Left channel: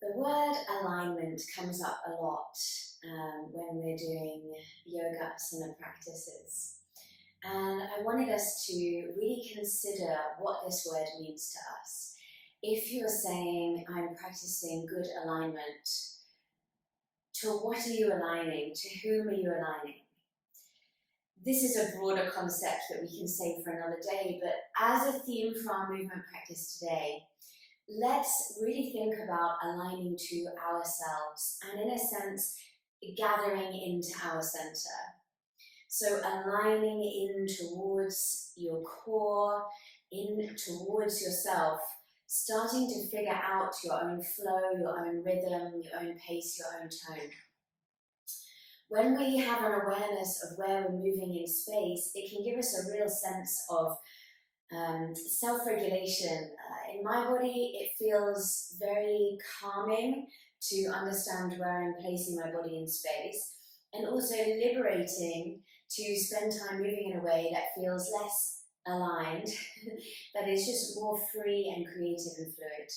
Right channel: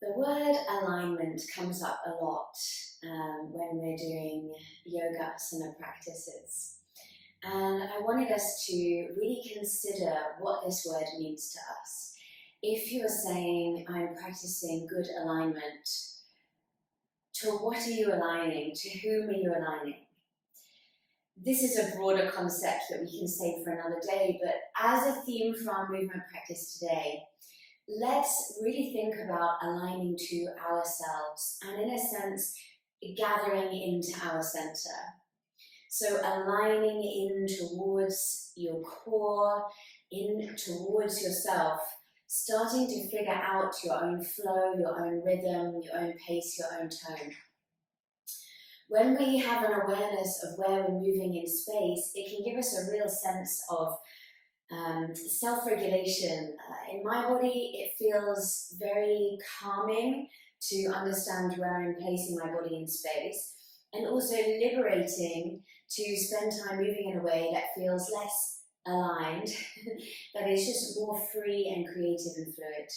The word alignment comes up a lot when we're doing yoga asana practices. And I wanted us to really consider what this word means to us. If you are saying, I'm practicing good alignment, to what are you aligning? To whom are you aligning? This is a broader concept that we can save for another day, but as a theme for our movement practice today, let's really think about aligning to ourselves and, in a sense, gathering into our center. So aligning in towards your core, in towards yourself, starting to figure out your own flow, your own rhythm, your own pace, your own tone. When we have an awareness of where we're moving in space, it can give us a real sense of self-regulation. In my body, it feels very calming to understand where I'm placing my body in space, and also liberating to spend time moving in a way that feels less aligned, that is just more free and creative and fluid.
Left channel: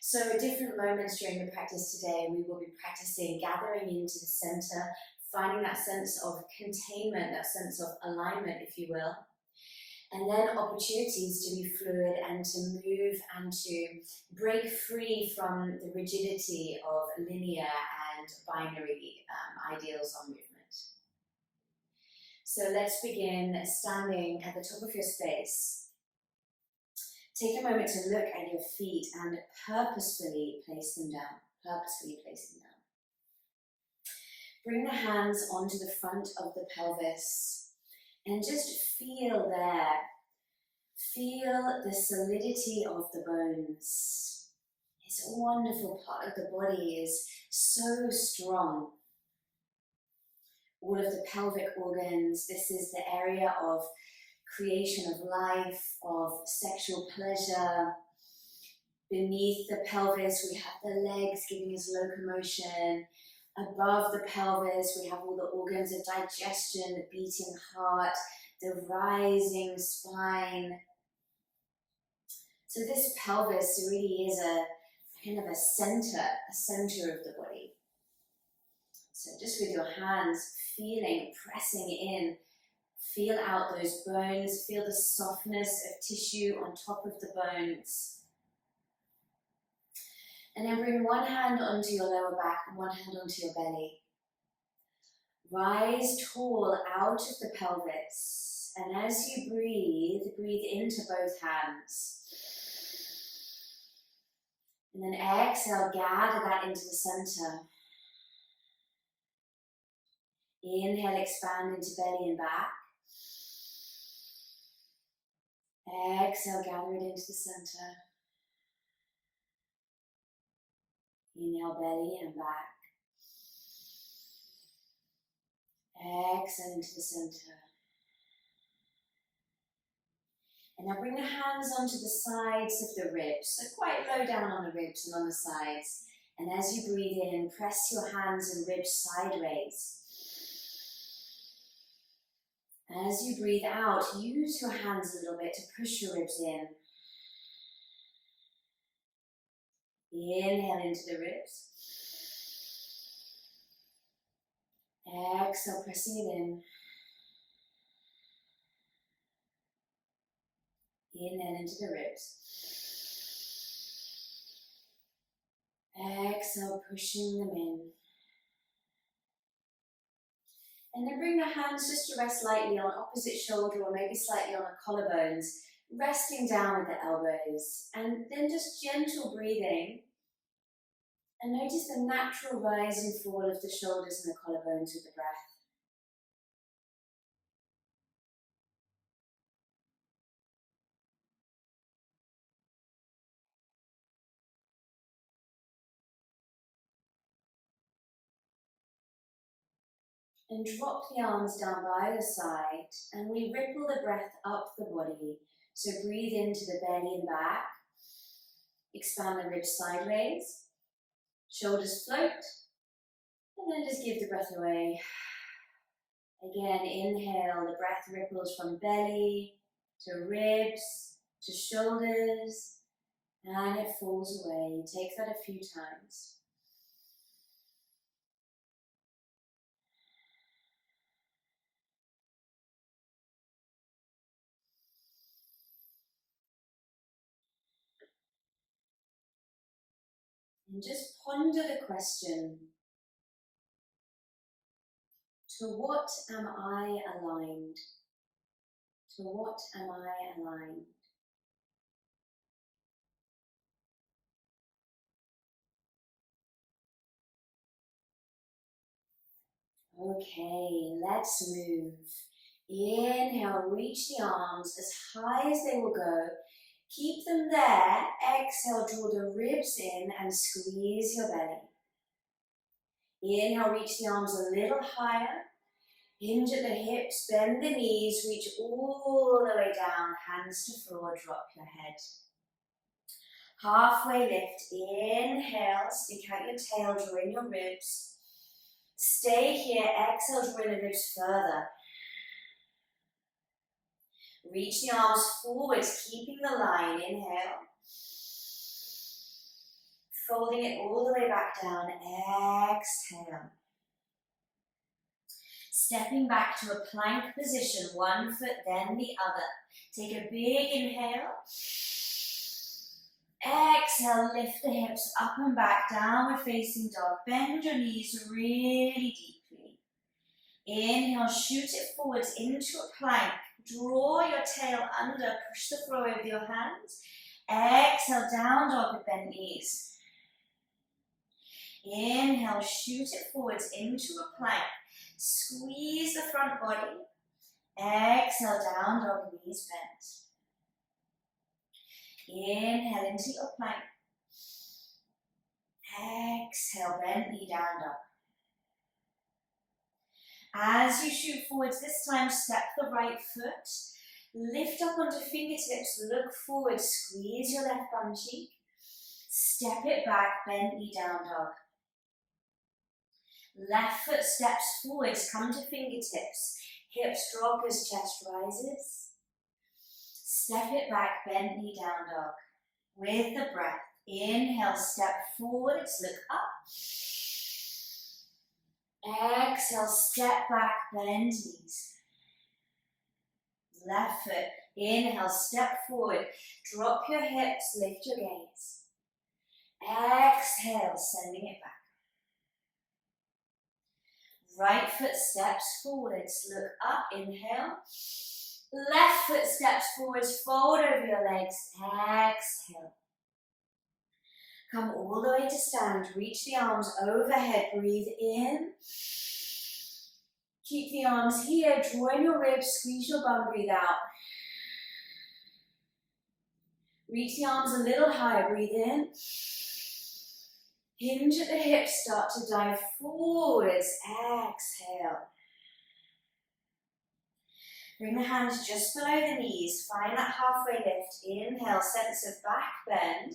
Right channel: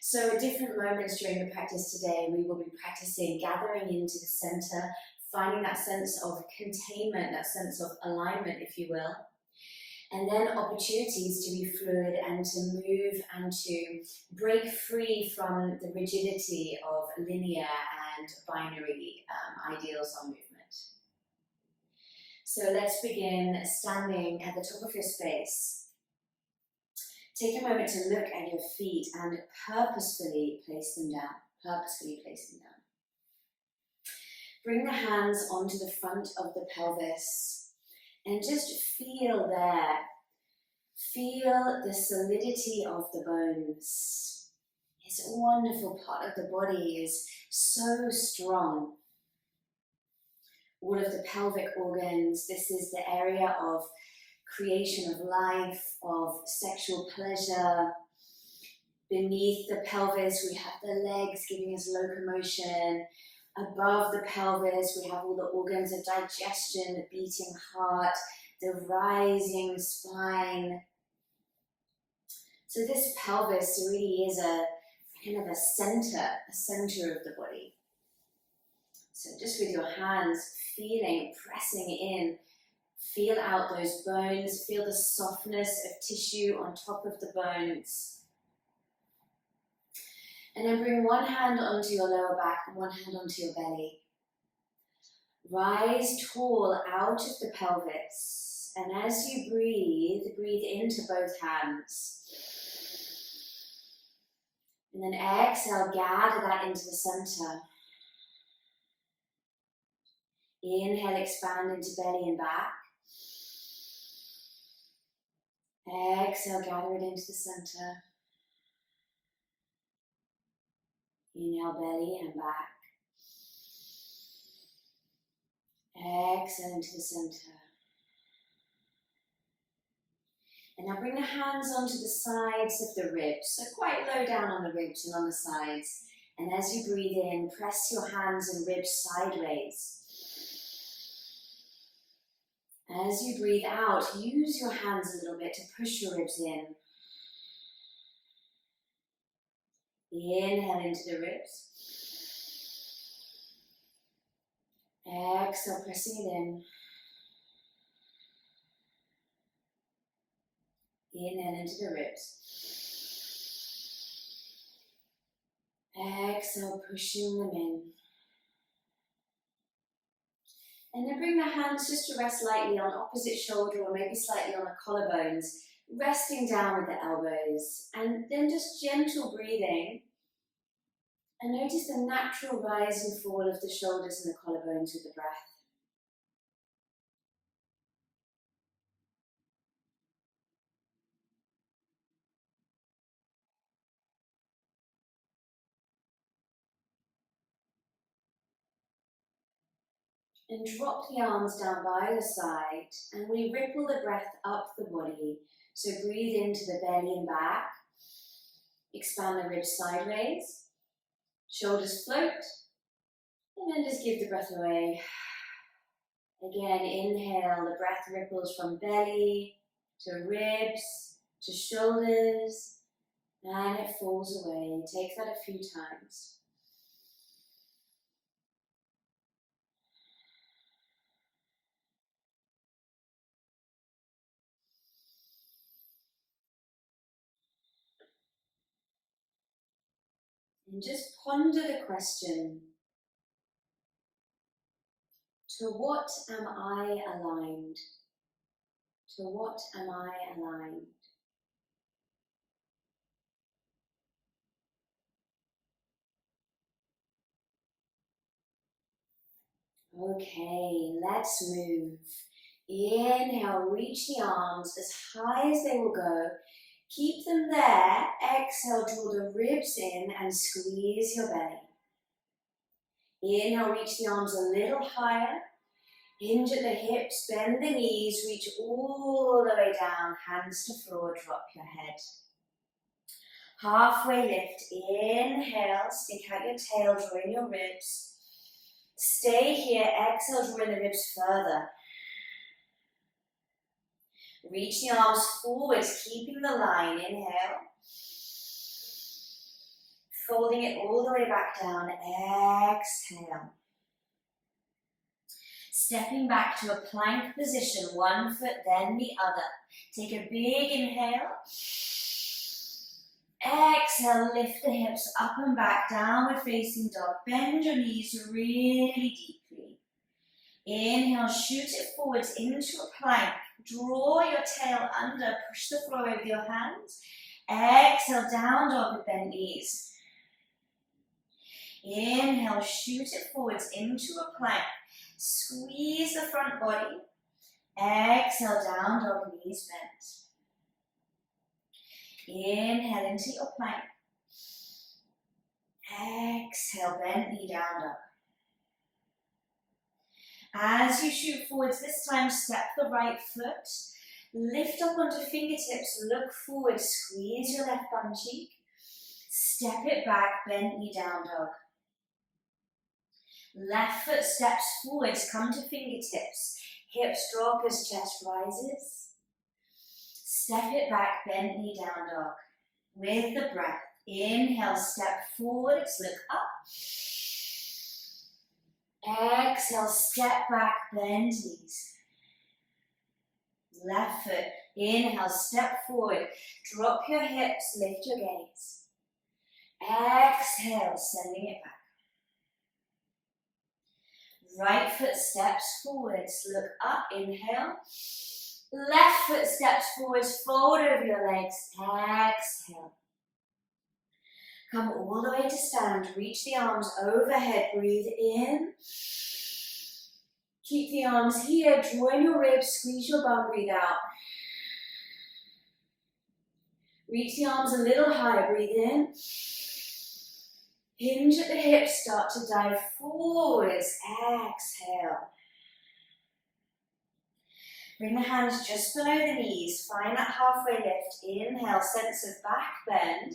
So at different moments during the practice today, we will be practicing gathering into the center, finding that sense of containment, that sense of alignment, if you will, and then opportunities to be fluid and to move and to break free from the rigidity of linear and binary ideals on movement. So let's begin standing at the top of your space. Take a moment to look at your feet and purposefully place them down. Bring the hands onto the front of the pelvis and just feel there. Feel the solidity of the bones. This wonderful part of the body is so strong. All of the pelvic organs, this is the area of creation of life, of sexual pleasure. Beneath the pelvis, we have the legs giving us locomotion. Above the pelvis, we have all the organs of digestion, the beating heart, the rising spine. So this pelvis really is a kind of a center of the body. So just with your hands feeling, pressing in, feel out those bones, feel the softness of tissue on top of the bones. And then bring one hand onto your lower back and one hand onto your belly. Rise tall out of the pelvis. And as you breathe into both hands. And then exhale, gather that into the center. Inhale, expand into belly and back. Exhale, gather it into the center. Inhale, belly and back. Exhale into the center. And now bring the hands onto the sides of the ribs, so quite low down on the ribs and on the sides. And as you breathe in, press your hands and ribs sideways. As you breathe out, use your hands a little bit to push your ribs in. Inhale into the ribs. Exhale, pressing it in. Inhale into the ribs. Exhale, pushing them in. And then bring the hands just to rest lightly on opposite shoulder or maybe slightly on the collarbones, resting down with the elbows. And then just gentle breathing. And notice the natural rise and fall of the shoulders and the collarbones with the breath. And drop the arms down by your side, and we ripple the breath up the body. So breathe into the belly and back. Expand the ribs sideways. Shoulders float. And then just give the breath away. Again, inhale, the breath ripples from belly to ribs to shoulders. and it falls away. Take that a few times. And just ponder the question, to what am I aligned? To what am I aligned? Okay, let's move. Inhale, reach the arms as high as they will go. Keep them there. Exhale, draw the ribs in and squeeze your belly. Inhale, reach the arms a little higher. Hinge at the hips, bend the knees, reach all the way down, hands to floor, drop your head. Halfway lift, inhale, stick out your tail, draw in your ribs. Stay here, exhale, draw in the ribs further. Reach the arms forwards, keeping the line, inhale. Folding it all the way back down, exhale. Stepping back to a plank position, one foot then the other. Take a big inhale. Exhale, lift the hips up and back, downward facing dog. Bend your knees really deeply. Inhale, shoot it forwards into a plank. Draw your tail under, push the floor over your hands. Exhale, down dog with bent knees. Inhale, shoot it forwards into a plank. Squeeze the front body. Exhale, down dog, knees bent. Inhale into your plank. Exhale, bent knee down dog. As you shoot forwards, this time step the right foot. Lift up onto fingertips, look forward, squeeze your left bum cheek. Step it back, bent knee down dog. Left foot steps forwards, come to fingertips. Hips drop as chest rises. Step it back, bent knee down dog. With the breath, inhale, step forwards, look up. Exhale, step back, bend knees. Left foot, inhale, step forward. Drop your hips, lift your gaze. Exhale, sending it back. Right foot steps forwards, look up, inhale. Left foot steps forwards, fold over your legs, exhale. Come all the way to stand, reach the arms overhead, breathe in. Keep the arms here, draw in your ribs, squeeze your bum, breathe out. Reach the arms a little higher, breathe in. Hinge at the hips, start to dive forwards, exhale. Bring the hands just below the knees, find that halfway lift, inhale, sense of back bend.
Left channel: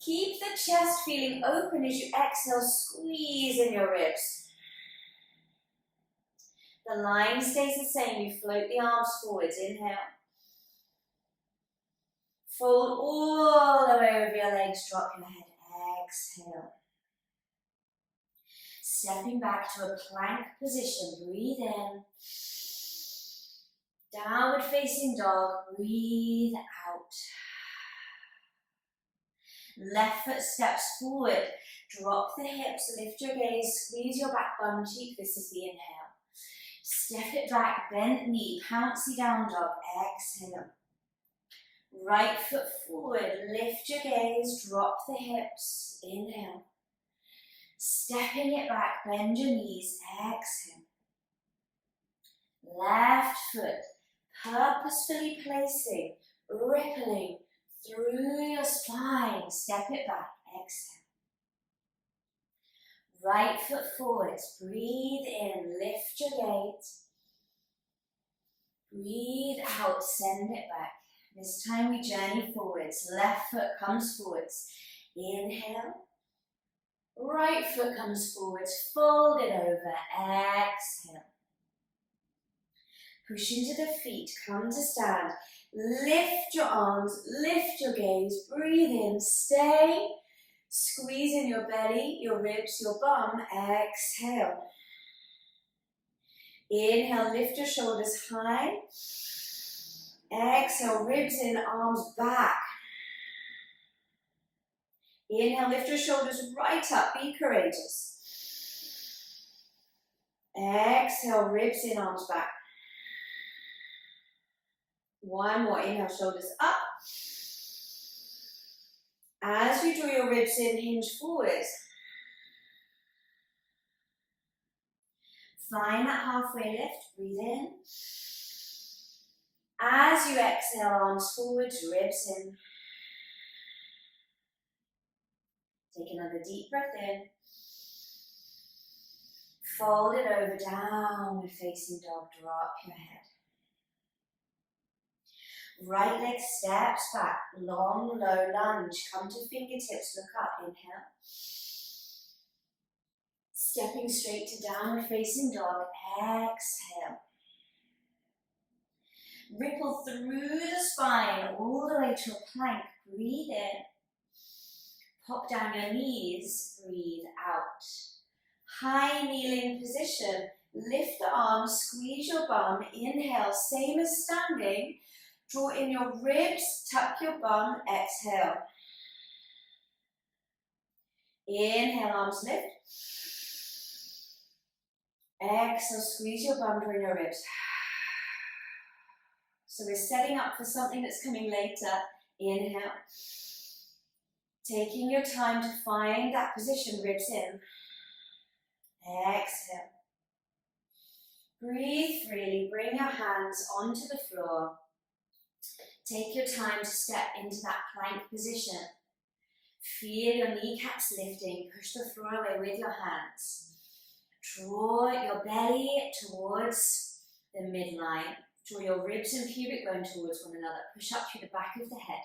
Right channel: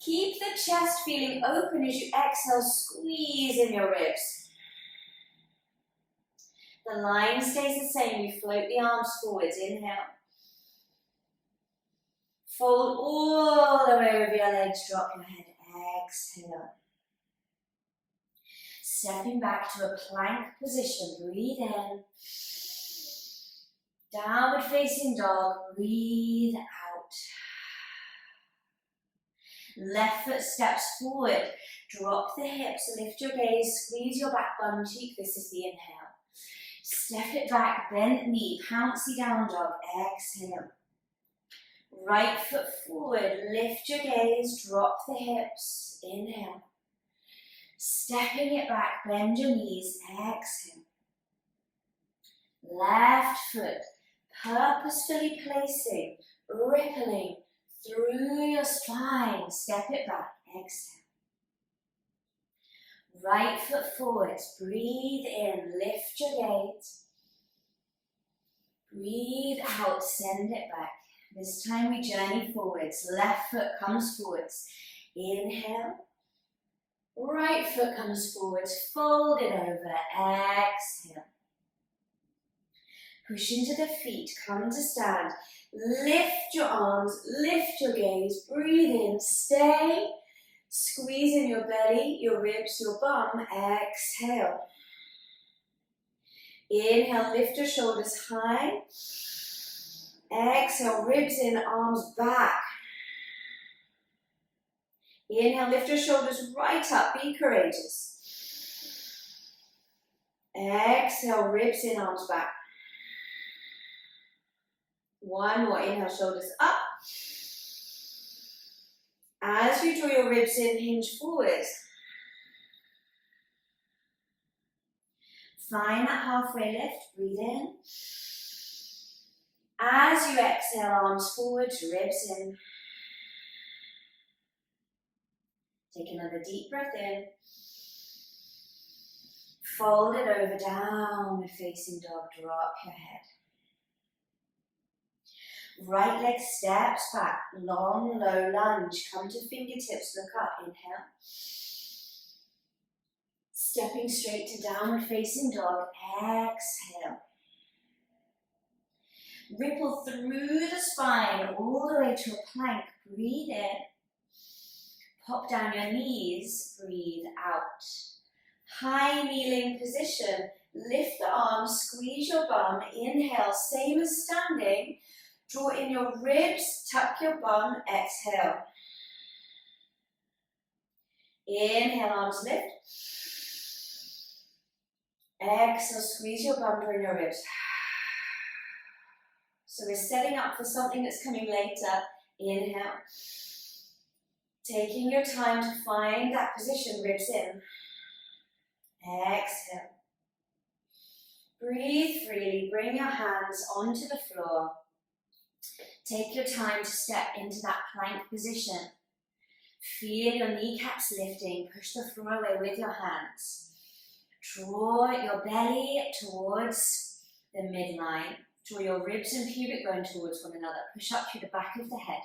Keep the chest feeling open as you exhale, squeeze in your ribs. The line stays the same, you float the arms forwards, inhale. Fold all the way over your legs, drop your head, exhale. Stepping back to a plank position, breathe in. Downward facing dog, breathe out. Left foot steps forward, drop the hips, lift your gaze, squeeze your back bum cheek, this is the inhale. Step it back, bent knee, pouncy down dog, exhale. Right foot forward, lift your gaze, drop the hips, inhale. Stepping it back, bend your knees, exhale. Left foot, purposefully placing, rippling through your spine, step it back, exhale. Right foot forwards, breathe in, lift your gaze. Breathe out, send it back. This time we journey forwards, left foot comes forwards. Inhale. Right foot comes forwards, fold it over, exhale. Push into the feet, come to stand. Lift your arms, lift your gaze, breathe in, stay. Squeeze in your belly, your ribs, your bum. Exhale. Inhale, lift your shoulders high. Exhale, ribs in, arms back. Inhale, lift your shoulders right up, be courageous. Exhale, ribs in, arms back. One more, inhale, shoulders up. As you draw your ribs in, hinge forward. Find that halfway lift, breathe in. As you exhale, arms forward, ribs in. Take another deep breath in. Fold it over, downward facing dog, drop your head. Right leg steps back, long, low lunge. Come to fingertips, look up, inhale. Stepping straight to downward facing dog, exhale. Ripple through the spine, all the way to a plank, breathe in. Pop down your knees, breathe out. High kneeling position, lift the arms, squeeze your bum, inhale, same as standing. Draw in your ribs, tuck your bum, exhale. Inhale, arms lift. Exhale, squeeze your bum, draw in your ribs. So we're setting up for something that's coming later. Inhale. Taking your time to find that position, ribs in. Exhale. Breathe freely, bring your hands onto the floor. Take your time to step into that plank position. Feel your kneecaps lifting, push the floor away with your hands. Draw your belly towards the midline. Draw your ribs and pubic bone towards one another. Push up through the back of the head.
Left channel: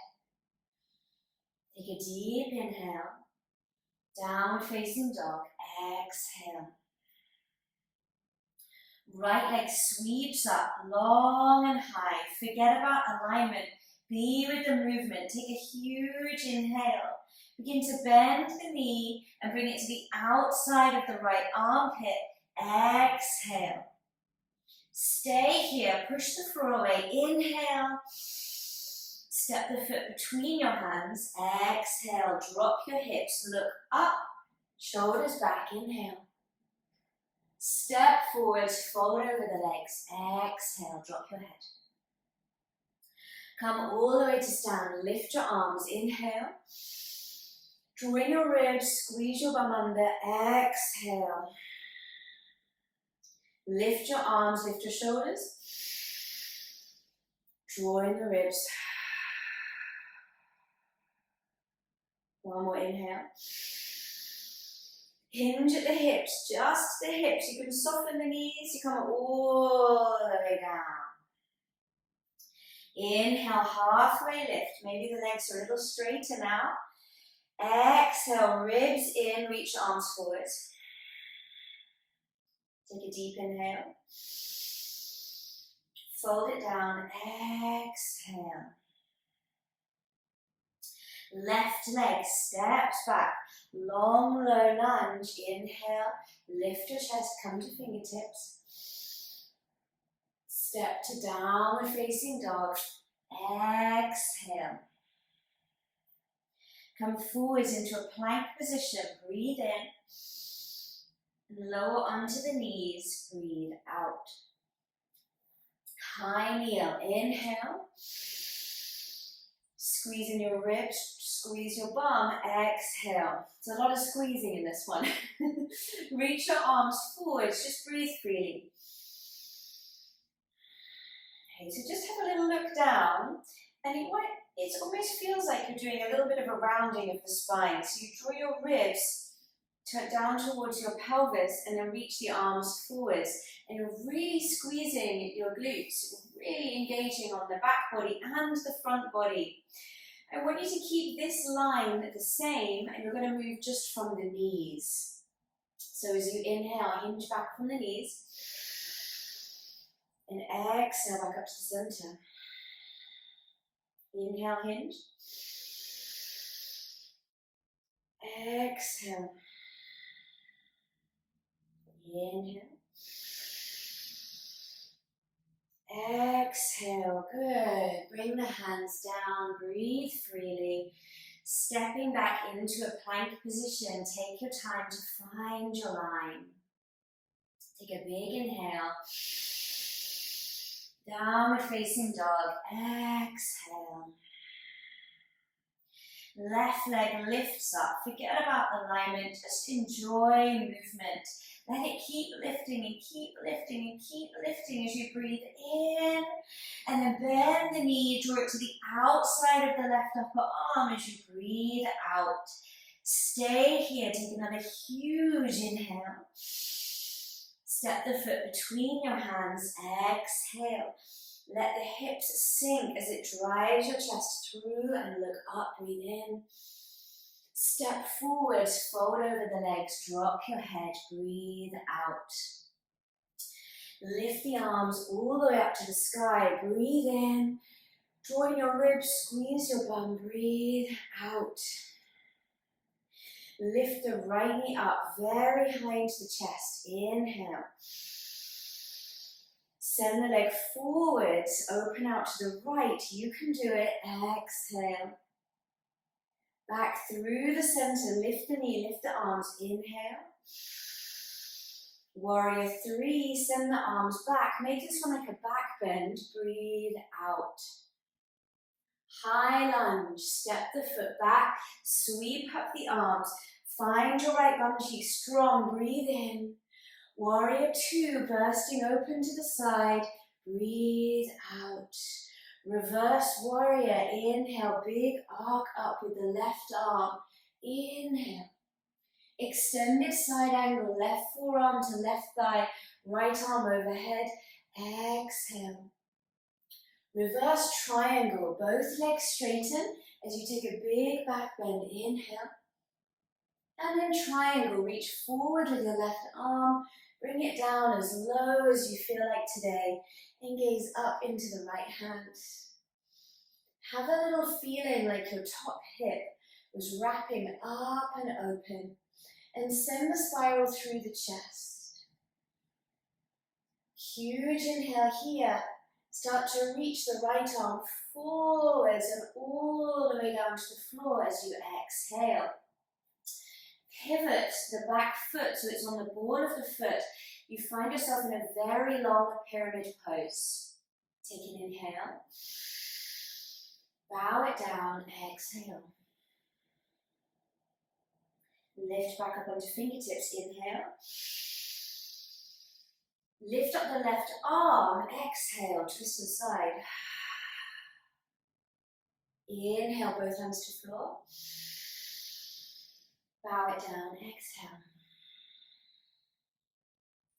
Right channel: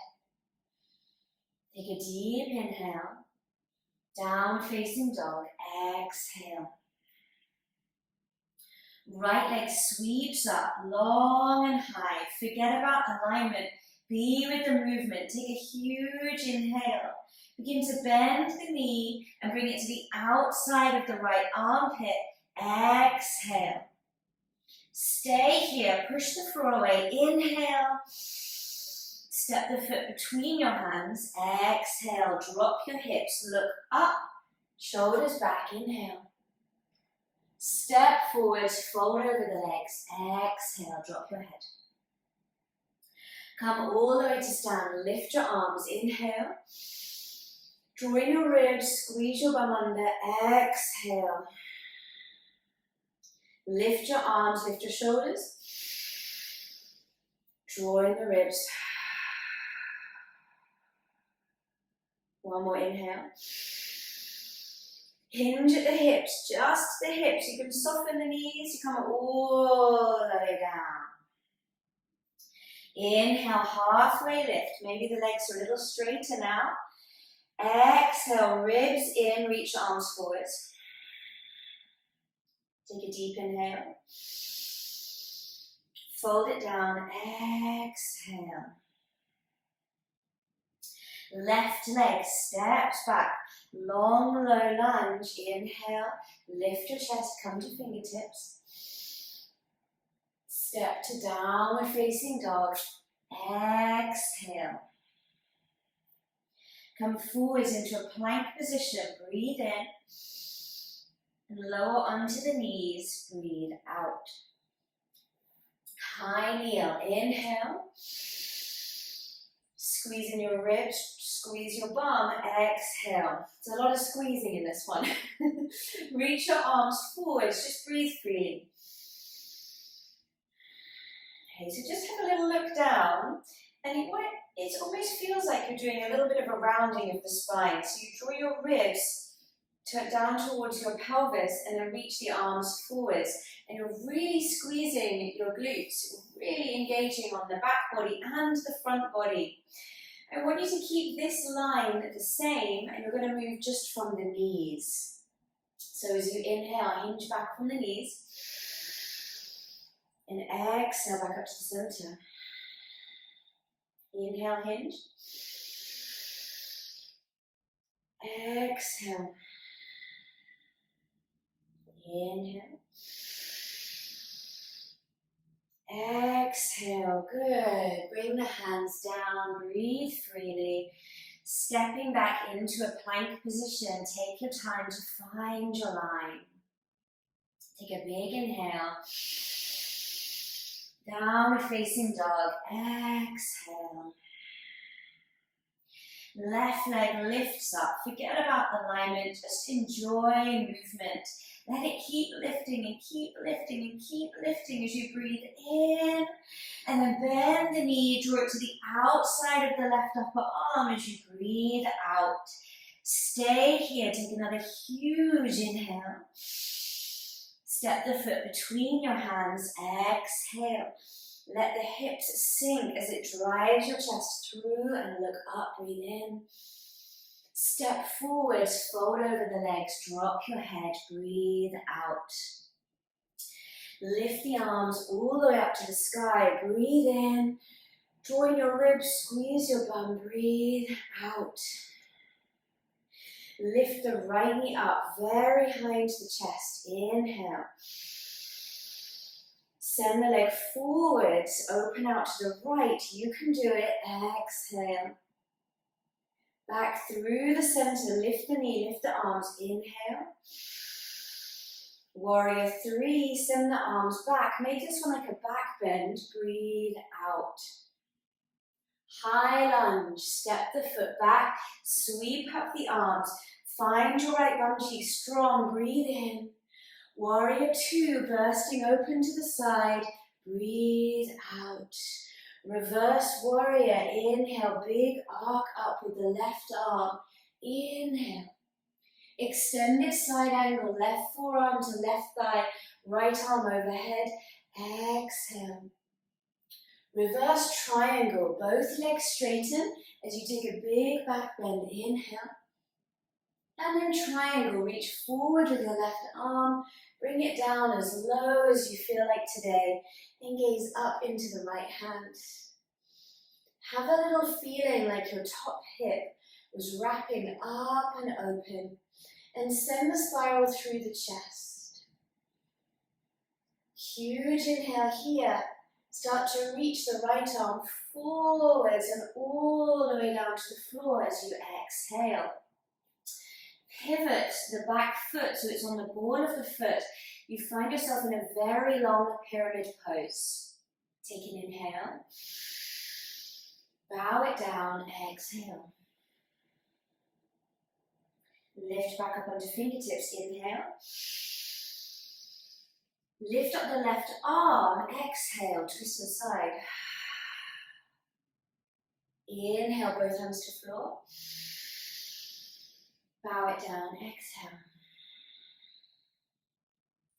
Take a deep inhale. Downward facing dog. Exhale. Right leg sweeps up, long and high. Forget about alignment. Be with the movement. Take a huge inhale. Begin to bend the knee and bring it to the outside of the right armpit. Exhale. Stay here. Push the floor away. Inhale. Step the foot between your hands. Exhale. Drop your hips. Look up. Shoulders back. Inhale. Step forwards, fold over the legs. Exhale, drop your head. Come all the way to stand. Lift your arms. Inhale. Draw in your ribs. Squeeze your bum under. Exhale. Lift your arms. Lift your shoulders. Draw in the ribs. One more inhale. Hinge at the hips, just the hips. You can soften the knees, you come all the way down. Inhale, halfway lift. Maybe the legs are a little straighter now. Exhale, ribs in, reach the arms forward. Take a deep inhale. Fold it down, exhale. Left leg steps back. Long, low lunge. Inhale. Lift your chest. Come to fingertips. Step to downward facing dog. Exhale. Come forwards into a plank position. Breathe in. And lower onto the knees. Breathe out. High kneel. Inhale. Squeeze in your ribs, squeeze your bum, exhale. There's a lot of squeezing in this one. Reach your arms forwards, just breathe freely. Okay, so just have a little look down, and it almost feels like you're doing a little bit of a rounding of the spine. So you draw your ribs down towards your pelvis, and then reach the arms forwards. And you're really squeezing your glutes, really engaging on the back body and the front body. I want you to keep this line the same, and you're going to move just from the knees. So as you inhale, hinge back from the knees, and exhale back up to the center. Inhale, hinge. Exhale. Inhale. Exhale. Good. Bring the hands down. Breathe freely. Stepping back into a plank position. Take your time to find your line. Take a big inhale. Downward facing dog. Exhale. Left leg lifts up. Forget about alignment. Just enjoy movement. Let it keep lifting and keep lifting and keep lifting as you breathe in. And then bend the knee, draw it to the outside of the left upper arm as you breathe out. Stay here. Take another huge inhale. Step the foot between your hands. Exhale. Let the hips sink as it drives your chest through and look up. Breathe in. Step forwards, fold over the legs, drop your head, breathe out. Lift the arms all the way up to the sky. Breathe in. Join your ribs, squeeze your bum, breathe out. Lift the right knee up very high into the chest. Inhale. Send the leg forwards, open out to the right. You can do it. Exhale. Back through the center, lift the knee, lift the arms. Inhale. Warrior 3, send the arms back. Make this one like a back bend. Breathe out. High lunge, step the foot back, sweep up the arms. Find your right bum cheek strong. Breathe in. Warrior 2, bursting open to the side. Breathe out. Reverse warrior. Inhale, big arc up with the left arm. Inhale. Extended side angle, left forearm to left thigh, right arm overhead. Exhale. Reverse triangle, both legs straighten as you take a big back bend. Inhale. And then triangle, reach forward with your left arm. Bring it down as low as you feel like today. And gaze up into the right hand. Have a little feeling like your top hip was wrapping up and open. And send the spiral through the chest. Huge inhale here. Start to reach the right arm forwards and all the way down to the floor as you exhale. Pivot the back foot so it's on the ball of the foot. You find yourself in a very long pyramid pose. Take an inhale. Bow it down, exhale. Lift back up onto fingertips, inhale. Lift up the left arm, exhale, twist to the side. Inhale, both hands to floor. Bow it down, exhale.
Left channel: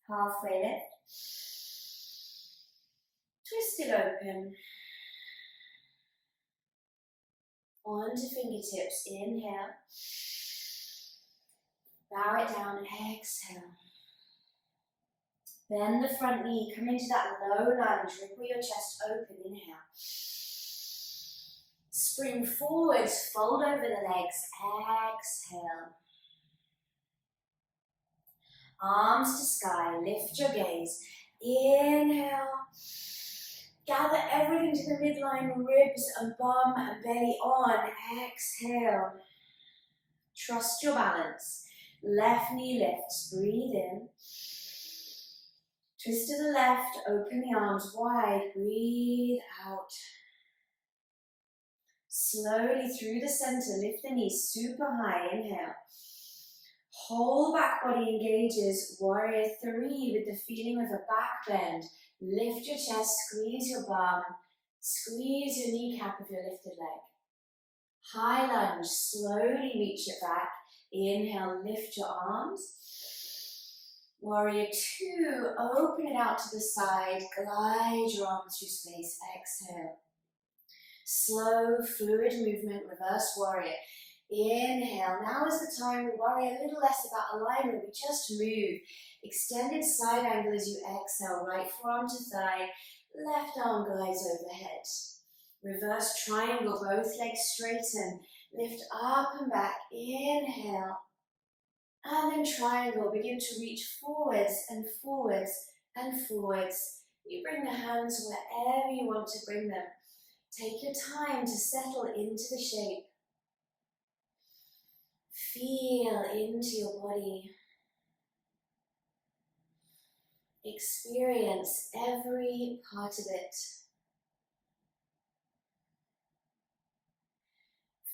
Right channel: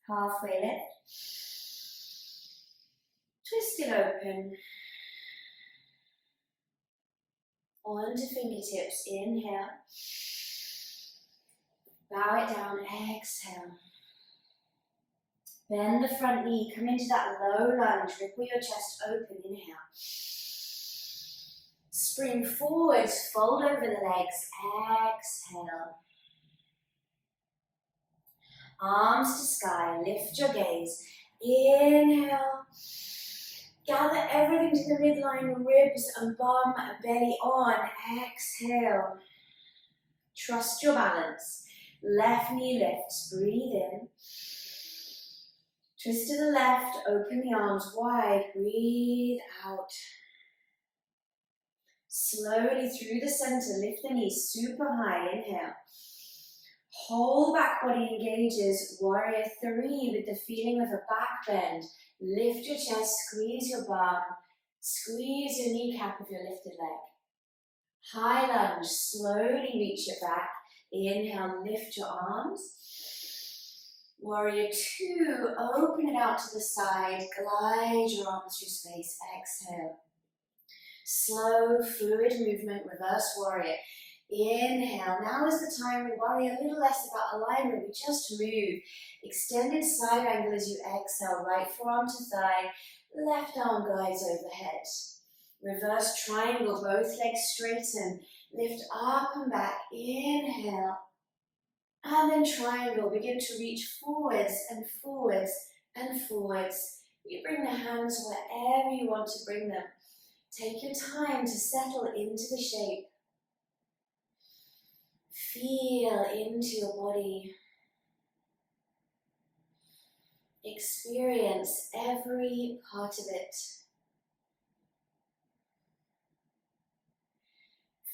Halfway lift. Twist it open. Onto fingertips, inhale. Bow it down, exhale. Bend the front knee, come into that low lunge, ripple your chest open, inhale. Spring forwards, fold over the legs, exhale. Arms to sky, lift your gaze, inhale. Gather everything to the midline, ribs and bum and belly on, exhale. Trust your balance. Left knee lifts, breathe in. Twist to the left, open the arms wide, breathe out. Slowly through the center, lift the knees super high, inhale. Whole back body engages, warrior 3 with the feeling of a back bend. Lift your chest, squeeze your bum, squeeze your kneecap of your lifted leg. High lunge, slowly reach it back. Inhale, lift your arms. Warrior 2, open it out to the side, glide your arms through space, exhale. Slow, fluid movement, reverse warrior. Inhale, now is the time we worry a little less about alignment, we just move. Extended side angle as you exhale, right forearm to thigh, left arm glides overhead. Reverse triangle, both legs straighten. Lift up and back, inhale. And then triangle, begin to reach forwards and forwards and forwards. You bring the hands wherever you want to bring them. Take your time to settle into the shape. Feel into your body. Experience every part of it.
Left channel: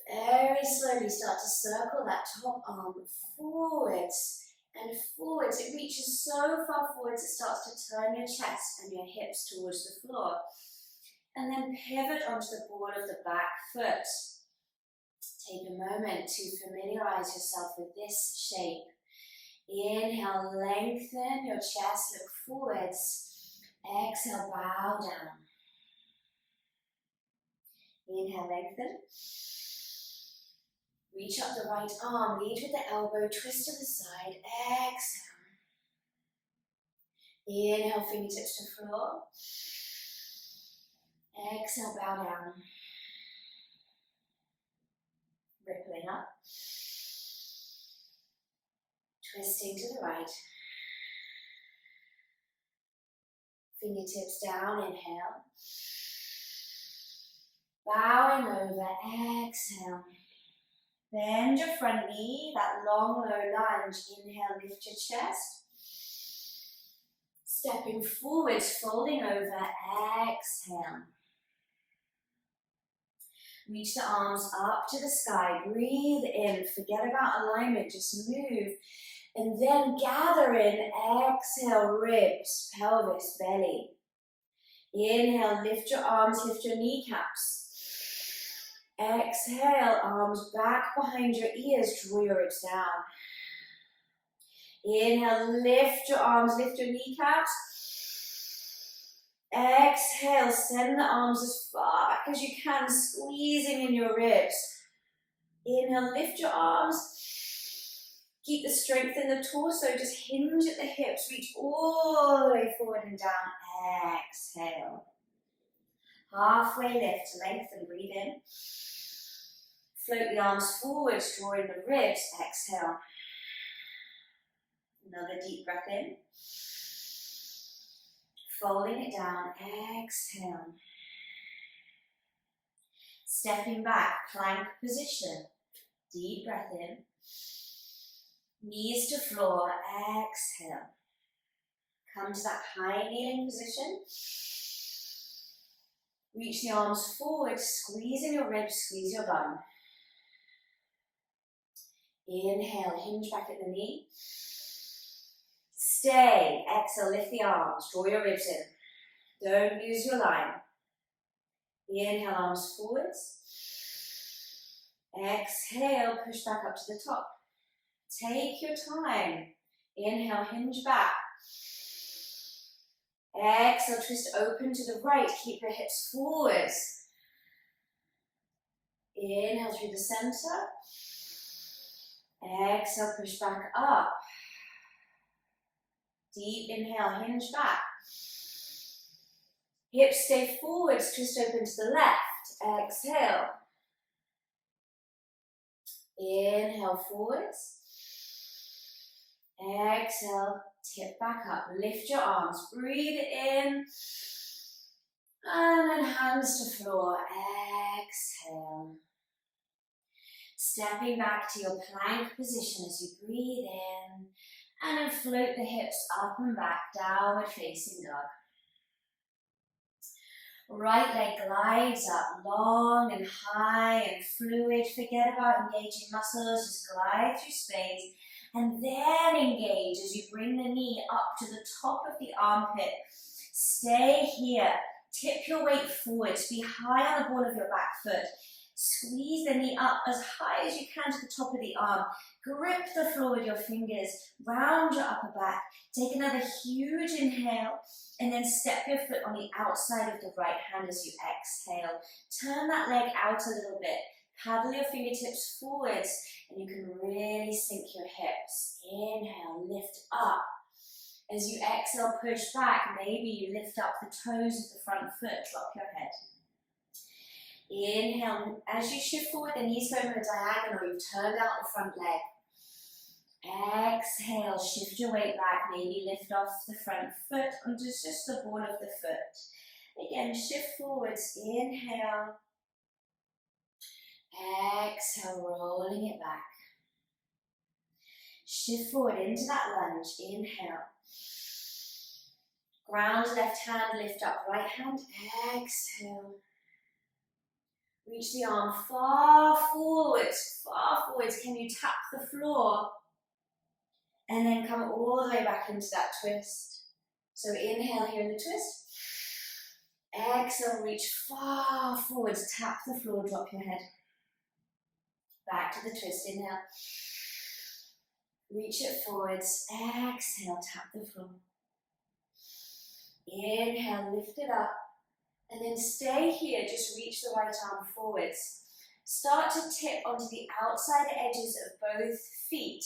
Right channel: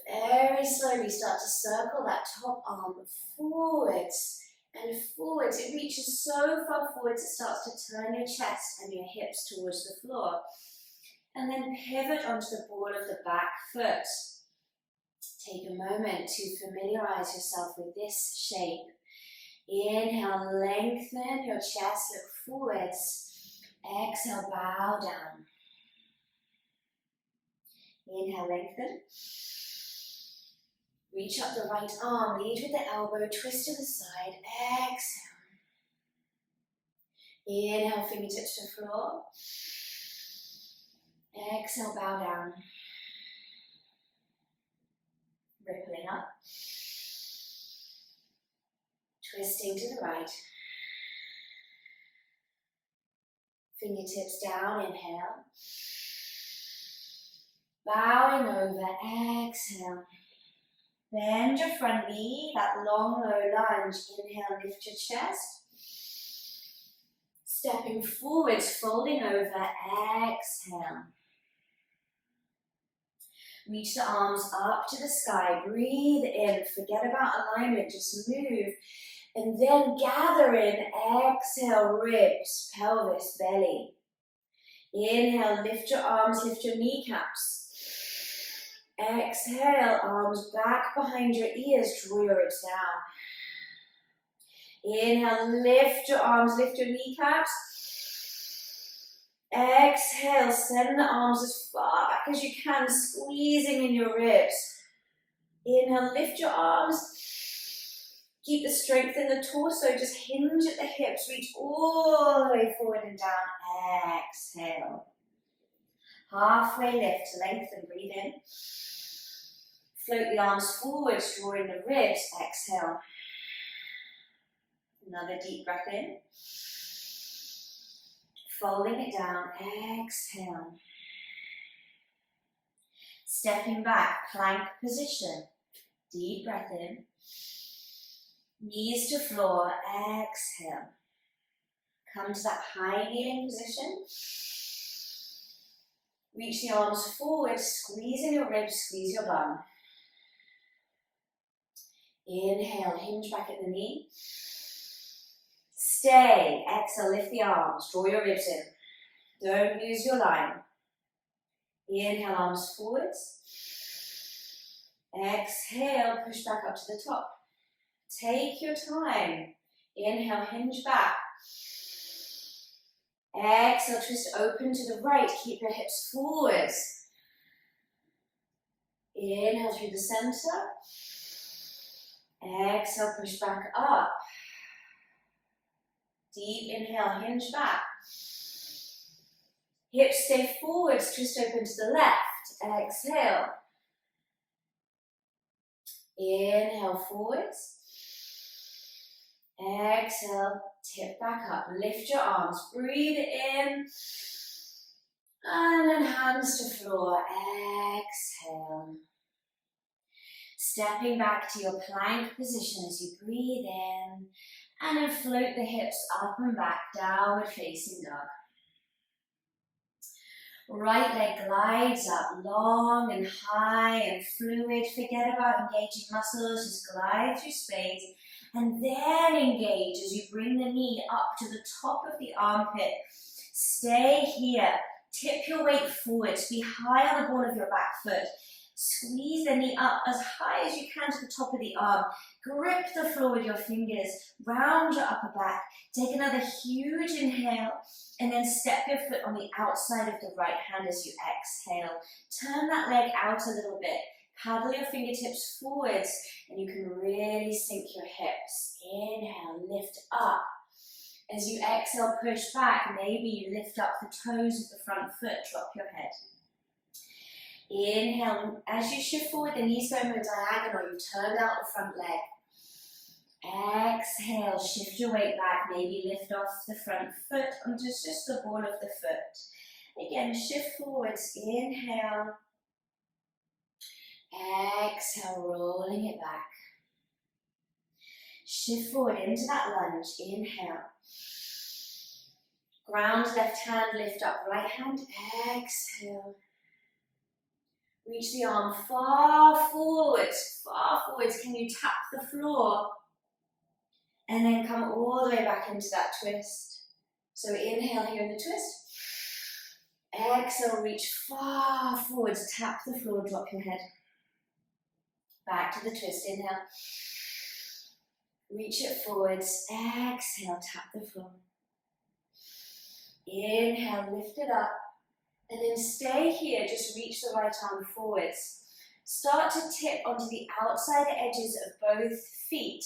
Very slowly start to circle that top arm forwards and forwards. It reaches so far forwards it starts to turn your chest and your hips towards the floor. And then pivot onto the ball of the back foot. Take a moment to familiarize yourself with this shape. Inhale, lengthen your chest, look forwards. Exhale, bow down. Inhale, lengthen. Reach up the right arm, lead with the elbow, twist to the side, exhale. Inhale, fingertips to floor. Exhale, bow down. Rippling up. Twisting to the right. Fingertips down, inhale. Bowing over, exhale. Bend your front knee, that long, low lunge. Inhale, lift your chest. Stepping forwards, folding over, exhale. Reach the arms up to the sky, breathe in, forget about alignment, just move. And then gather in, exhale, ribs, pelvis, belly. Inhale, lift your arms, lift your kneecaps. Exhale, arms back behind your ears, draw your ribs down. Inhale, lift your arms, lift your kneecaps. Exhale, send the arms as far back as you can, squeezing in your ribs. Inhale, lift your arms. Keep the strength in the torso, just hinge at the hips, reach all the way forward and down. Exhale. Halfway lift, lengthen, breathe in. Float the arms forwards, draw in the ribs, exhale. Another deep breath in. Folding it down, exhale. Stepping back, plank position. Deep breath in. Knees to floor, exhale. Come to that high kneeling position. Reach the arms forward, squeeze in your ribs, squeeze your bum. Inhale, hinge back at the knee. Stay, exhale, lift the arms, draw your ribs in. Don't lose your line. Inhale, arms forwards. Exhale, push back up to the top. Take your time. Inhale, hinge back. Exhale, twist open to the right. Keep your hips forwards. Inhale through the center. Exhale, push back up. Deep inhale, hinge back. Hips stay forwards, twist open to the left. Exhale. Inhale forwards. Exhale, tip back up. Lift your arms, breathe in. And then hands to floor. Exhale. Stepping back to your plank position as you breathe in. And then float the hips up and back, downward facing dog. Right leg glides up, long and high and fluid. Forget about engaging muscles, just glide through space. And then engage as you bring the knee up to the top of the armpit. Stay here. Tip your weight forwards. Be high on the ball of your back foot. Squeeze the knee up as high as you can to the top of the arm. Grip the floor with your fingers. Round your upper back. Take another huge inhale. And then step your foot on the outside of the right hand as you exhale. Turn that leg out a little bit. Paddle your fingertips forwards. And you can really sink your hips. Inhale, lift up. As you exhale, push back. Maybe you lift up the toes of the front foot. Drop your head. Inhale, as you shift forward, the knees go in a diagonal, you've turned out the front leg. Exhale, shift your weight back, maybe lift off the front foot onto just the ball of the foot. Again, shift forwards, inhale. Exhale, rolling it back. Shift forward into that lunge, inhale. Ground left hand, lift up right hand, exhale. Reach the arm far forwards, far forwards. Can you tap the floor? And then come all the way back into that twist. So inhale here in the twist. Exhale, reach far forwards, tap the floor, drop your head. Back to the twist, inhale. Reach it forwards, exhale, tap the floor. Inhale, lift it up. And then stay here, just reach the right arm forwards. Start to tip onto the outside edges of both feet.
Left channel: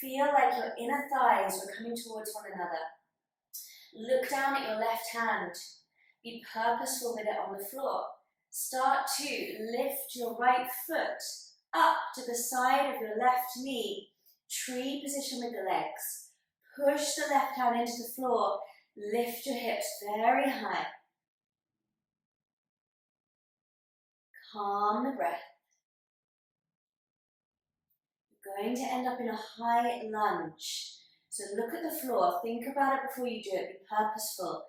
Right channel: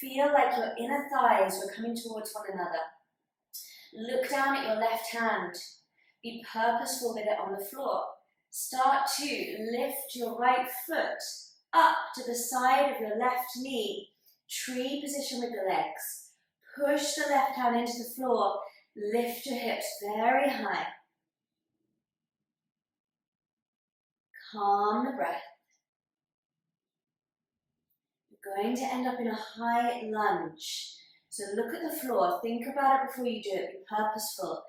Feel like your inner thighs were coming towards one another. Look down at your left hand. Be purposeful with it on the floor. Start to lift your right foot up to the side of your left knee. Tree position with the legs. Push the left hand into the floor. Lift your hips very high. Calm the breath. You're going to end up in a high lunge. So look at the floor. Think about it before you do it. Be purposeful.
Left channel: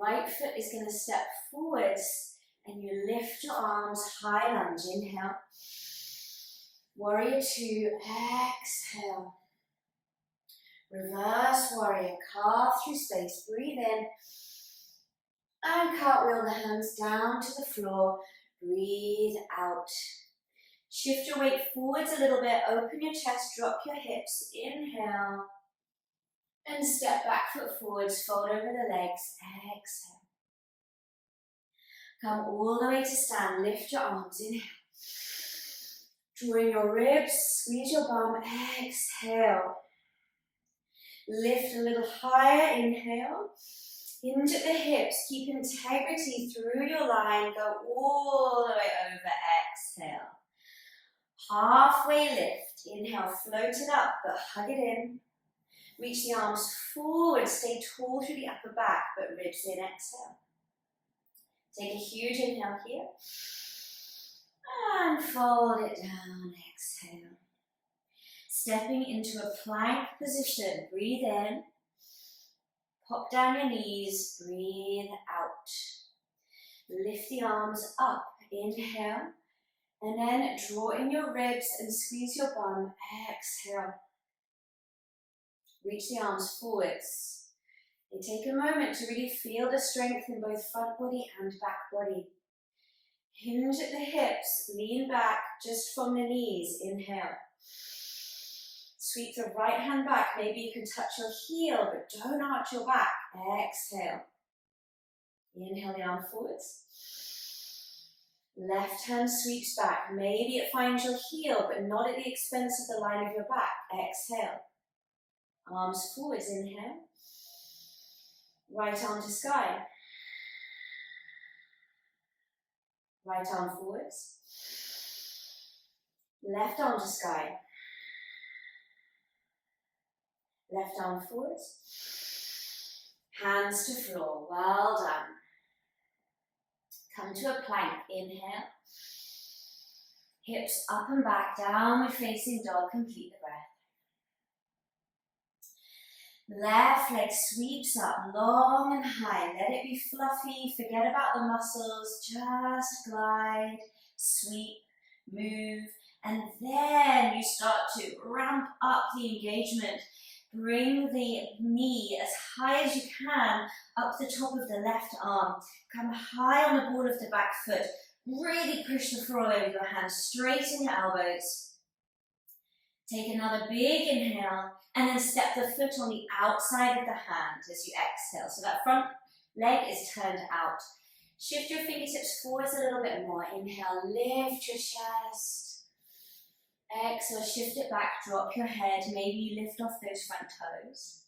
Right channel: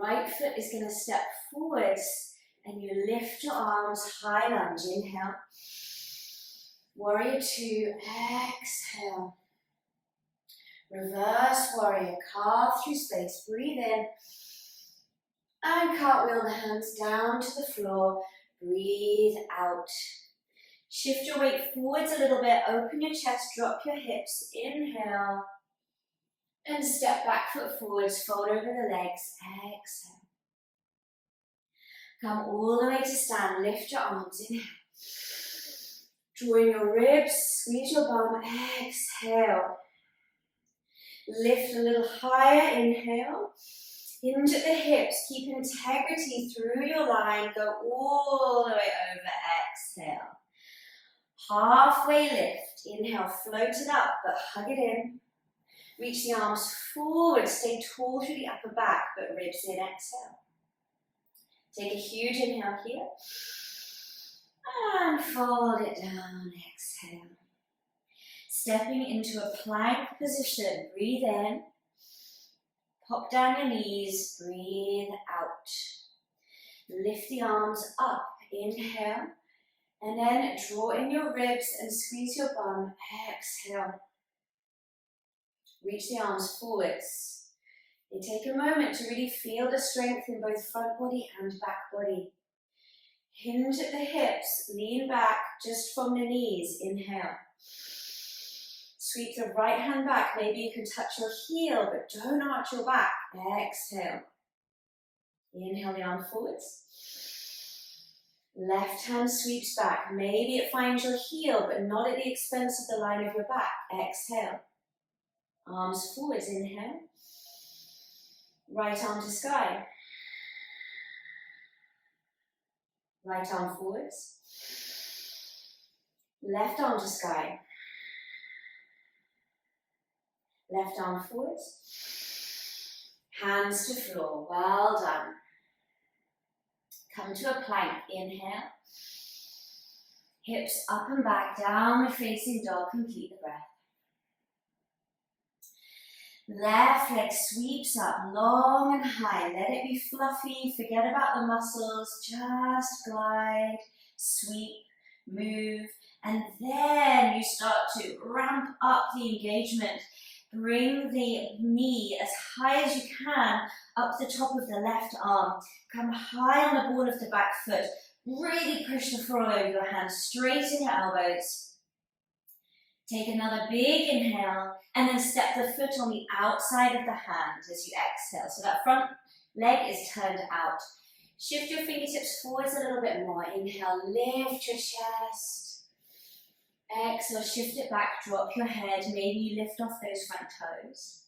Right foot is going to step forwards and you lift your arms, high lunge. Inhale. Warrior two. Exhale. Reverse warrior. Carve through space. Breathe in. And cartwheel the hands down to the floor. Breathe out. Shift your weight forwards a little bit. Open your chest. Drop your hips. Inhale. And step back, foot forwards. Fold over the legs. Exhale. Come all the way to stand. Lift your arms. Inhale. Draw in your ribs. Squeeze your bum. Exhale. Lift a little higher. Inhale. Into the hips. Keep integrity through your line. Go all the way over. Exhale. Halfway lift. Inhale. Float it up, but hug it in. Reach the arms forward. Stay tall through the upper back, but ribs in. Exhale. Take a huge inhale here. And fold it down. Exhale. Stepping into a plank position. Breathe in. Pop down your knees. Breathe out. Lift the arms up. Inhale. And then draw in your ribs and squeeze your bum. Exhale. Reach the arms forwards. And take a moment to really feel the strength in both front body and back body. Hinge at the hips. Lean back just from the knees. Inhale. Sweep the right hand back. Maybe you can touch your heel, but don't arch your back. Exhale. Inhale the arm forwards. Left hand sweeps back. Maybe it finds your heel, but not at the expense of the line of your back. Exhale. Arms forwards. Inhale. Right arm to sky. Right arm forwards. Left arm to sky. Left arm forwards. Hands to floor. Well done. Come to a plank. Inhale. Hips up and back. Downward facing dog. Complete the breath. Left leg sweeps up long and high. Let it be fluffy. Forget about the muscles. Just glide, sweep, move. And then you start to ramp up the engagement. Bring the knee as high as you can up the top of the left arm. Come high on the ball of the back foot. Really push the floor over your hands. Straighten your elbows. Take another big inhale and then step the foot on the outside of the hand as you exhale. So that front leg is turned out. Shift your fingertips forwards a little bit more. Inhale, lift your chest. Exhale, shift it back, drop your head. Maybe you lift off those front toes.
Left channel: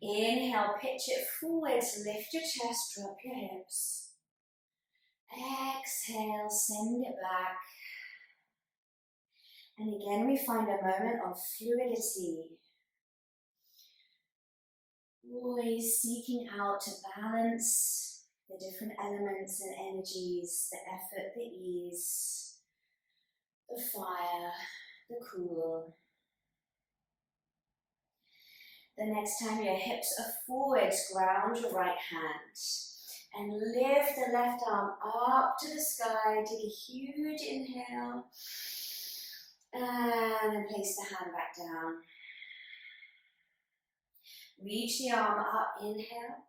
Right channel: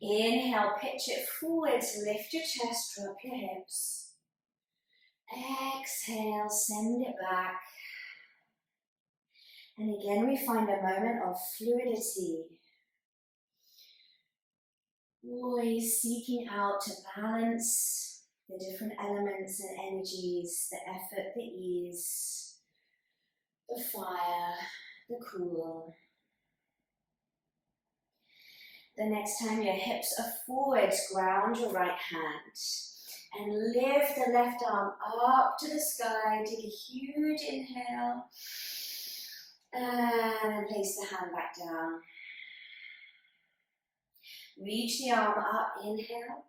Inhale, pitch it forwards, lift your chest, drop your hips. Exhale, send it back. And again, we find a moment of fluidity. Always seeking out to balance the different elements and energies, the effort, the ease, the fire, the cool. The next time your hips are forwards, ground your right hand. And lift the left arm up to the sky. Take a huge inhale. And then place the hand back down. Reach the arm up, inhale.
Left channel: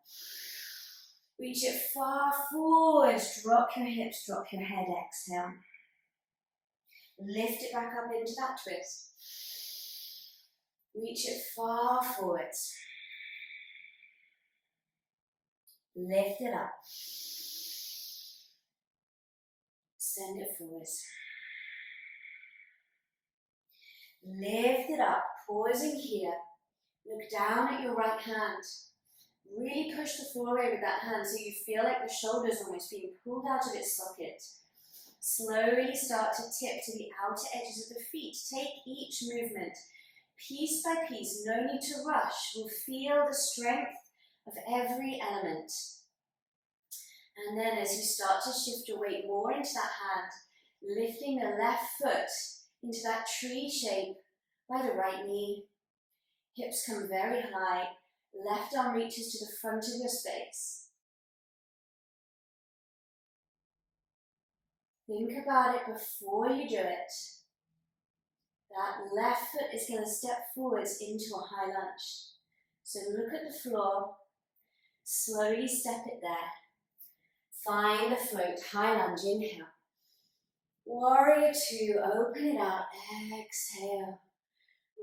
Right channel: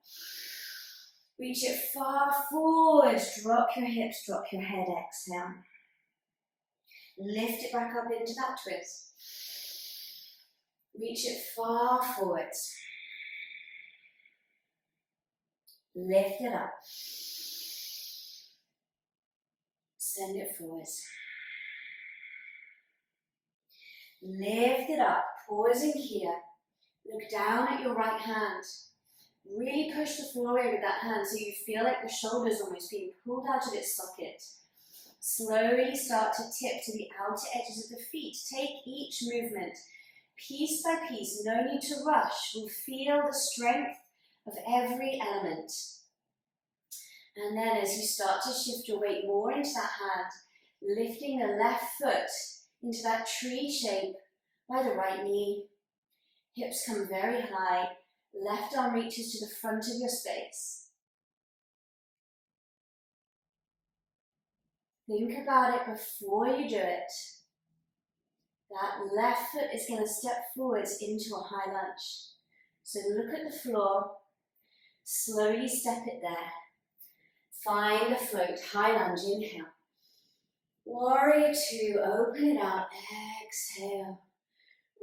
Reach it far forward. Drop your hips, drop your head, exhale. Lift it back up into that twist. Reach it far forwards. Lift it up. Send it forwards. Lift it up, pausing here. Look down at your right hand. Really push the floor away with that hand so you feel like the shoulder's almost being pulled out of its socket. Slowly start to tip to the outer edges of the feet. Take each movement piece by piece. No need to rush. We'll feel the strength of every element. And then as you start to shift your weight more into that hand, lifting the left foot into that tree shape by the right knee. Hips come very high. Left arm reaches to the front of your space. Think about it before you do it. That left foot is going to step forwards into a high lunge. So look at the floor. Slowly step it there. Find a float. High lunge. Inhale. Warrior two. Open it out. Exhale.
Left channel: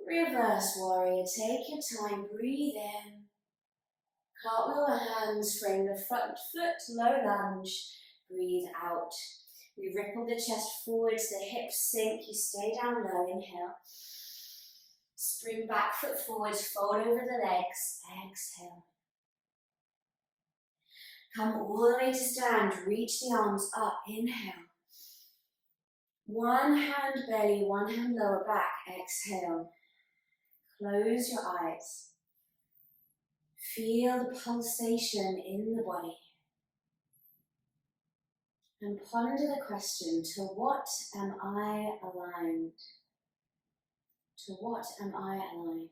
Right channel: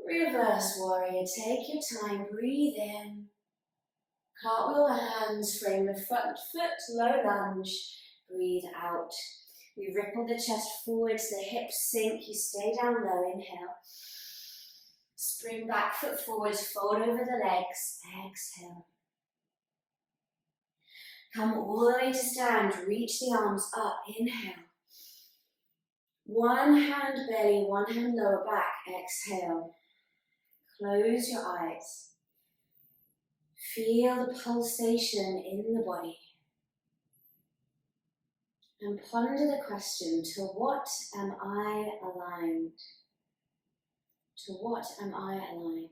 Reverse warrior. Take your time. Breathe in. Cartwheel the hands. Frame the front foot. Low lunge. Breathe out. We ripple the chest forwards. The hips sink. You stay down low. Inhale. Spring back foot forwards. Fold over the legs. Exhale. Come all the way to stand. Reach the arms up. Inhale. One hand belly, one hand lower back. Exhale. Close your eyes. Feel the pulsation in the body. And ponder the question, to what am I aligned? To what am I aligned?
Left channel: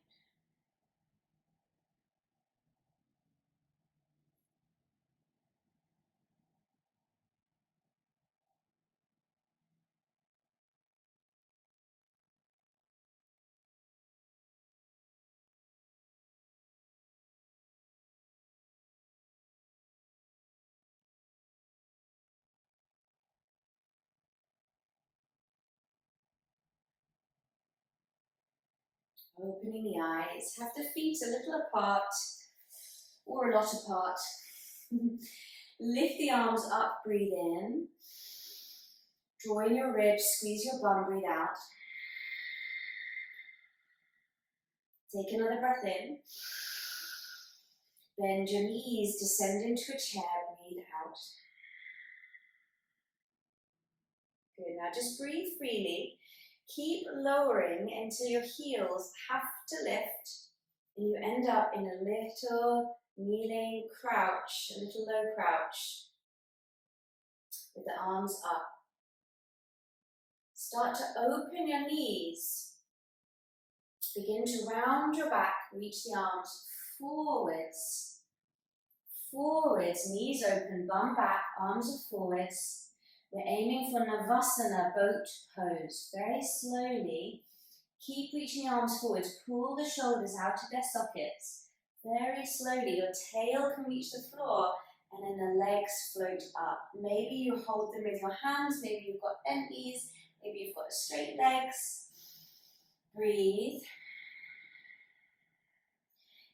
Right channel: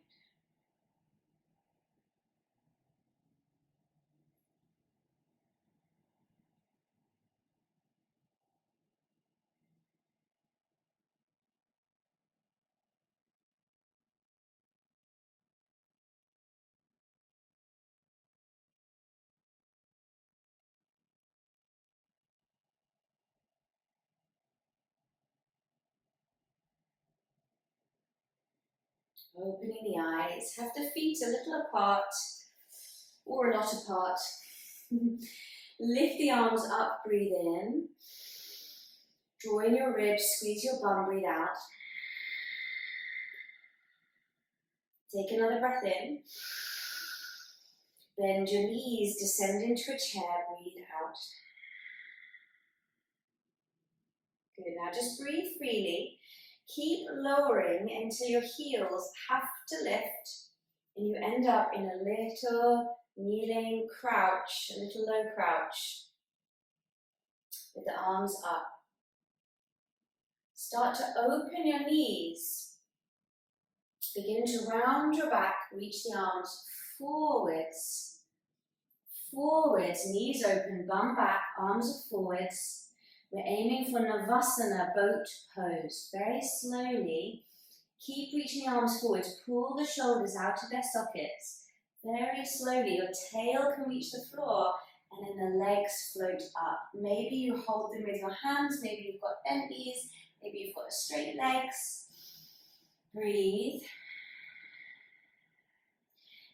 Opening the eyes, have the feet a little apart or a lot apart. Lift the arms up, breathe in. Draw in your ribs, squeeze your bum, breathe out. Take another breath in. Bend your knees, descend into a chair, breathe out. Good, now just breathe freely. Keep lowering until your heels have to lift and you end up in a little kneeling crouch, a little low crouch with the arms up. Start to open your knees. Begin to round your back, reach the arms forwards. Forwards, knees open, bum back, arms are forwards. We're aiming for Navasana, boat pose. Very slowly, keep reaching the arms forwards. Pull the shoulders out of their sockets. Very slowly, your tail can reach the floor and then the legs float up. Maybe you hold them with your hands, maybe you've got bent knees, maybe you've got straight legs. Breathe.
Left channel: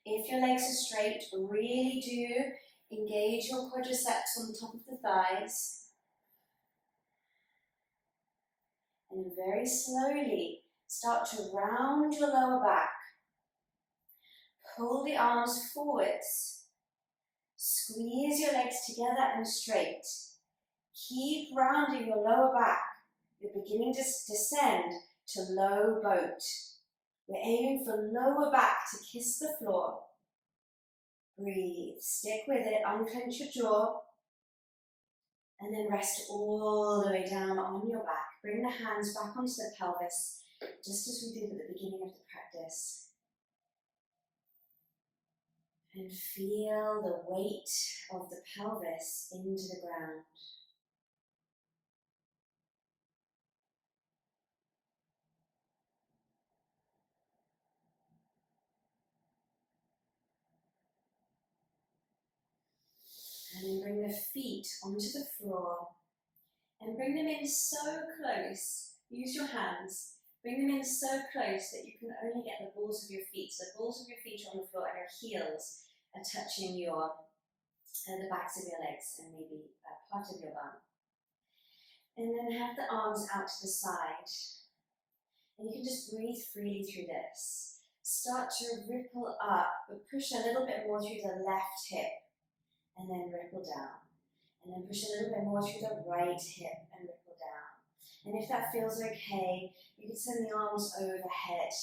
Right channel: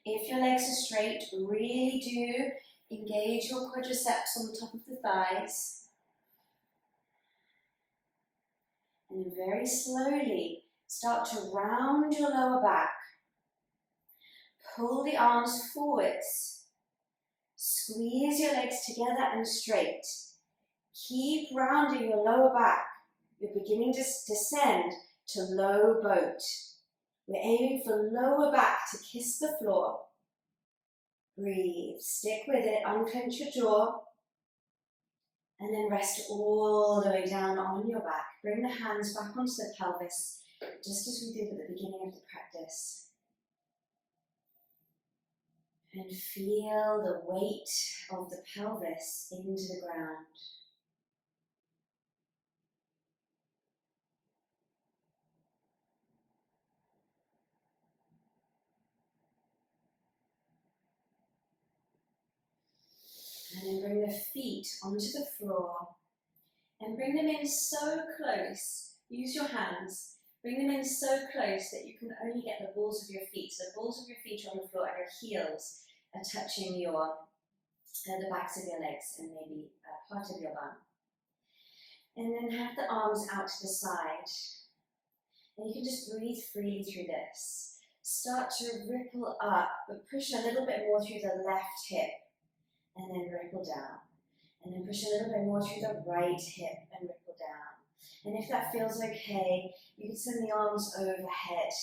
If your legs are straight, really do engage your quadriceps on the top of the thighs. And very slowly, start to round your lower back. Pull the arms forwards. Squeeze your legs together and straight. Keep rounding your lower back. You're beginning to descend to low boat. We're aiming for lower back to kiss the floor. Breathe, stick with it, unclench your jaw, and then rest all the way down on your back. Bring the hands back onto the pelvis, just as we did at the beginning of the practice. And feel the weight of the pelvis into the ground. And then bring the feet onto the floor and bring them in so close. Use your hands. Bring them in so close that you can only get the balls of your feet. So the balls of your feet are on the floor and your heels are touching the backs of your legs and maybe part of your bum. And then have the arms out to the side. And you can just breathe freely through this. Start to ripple up, but push a little bit more through the left hip and then ripple down. And then push a little bit more through the right hip and ripple down. And if that feels okay, you can send the arms overhead.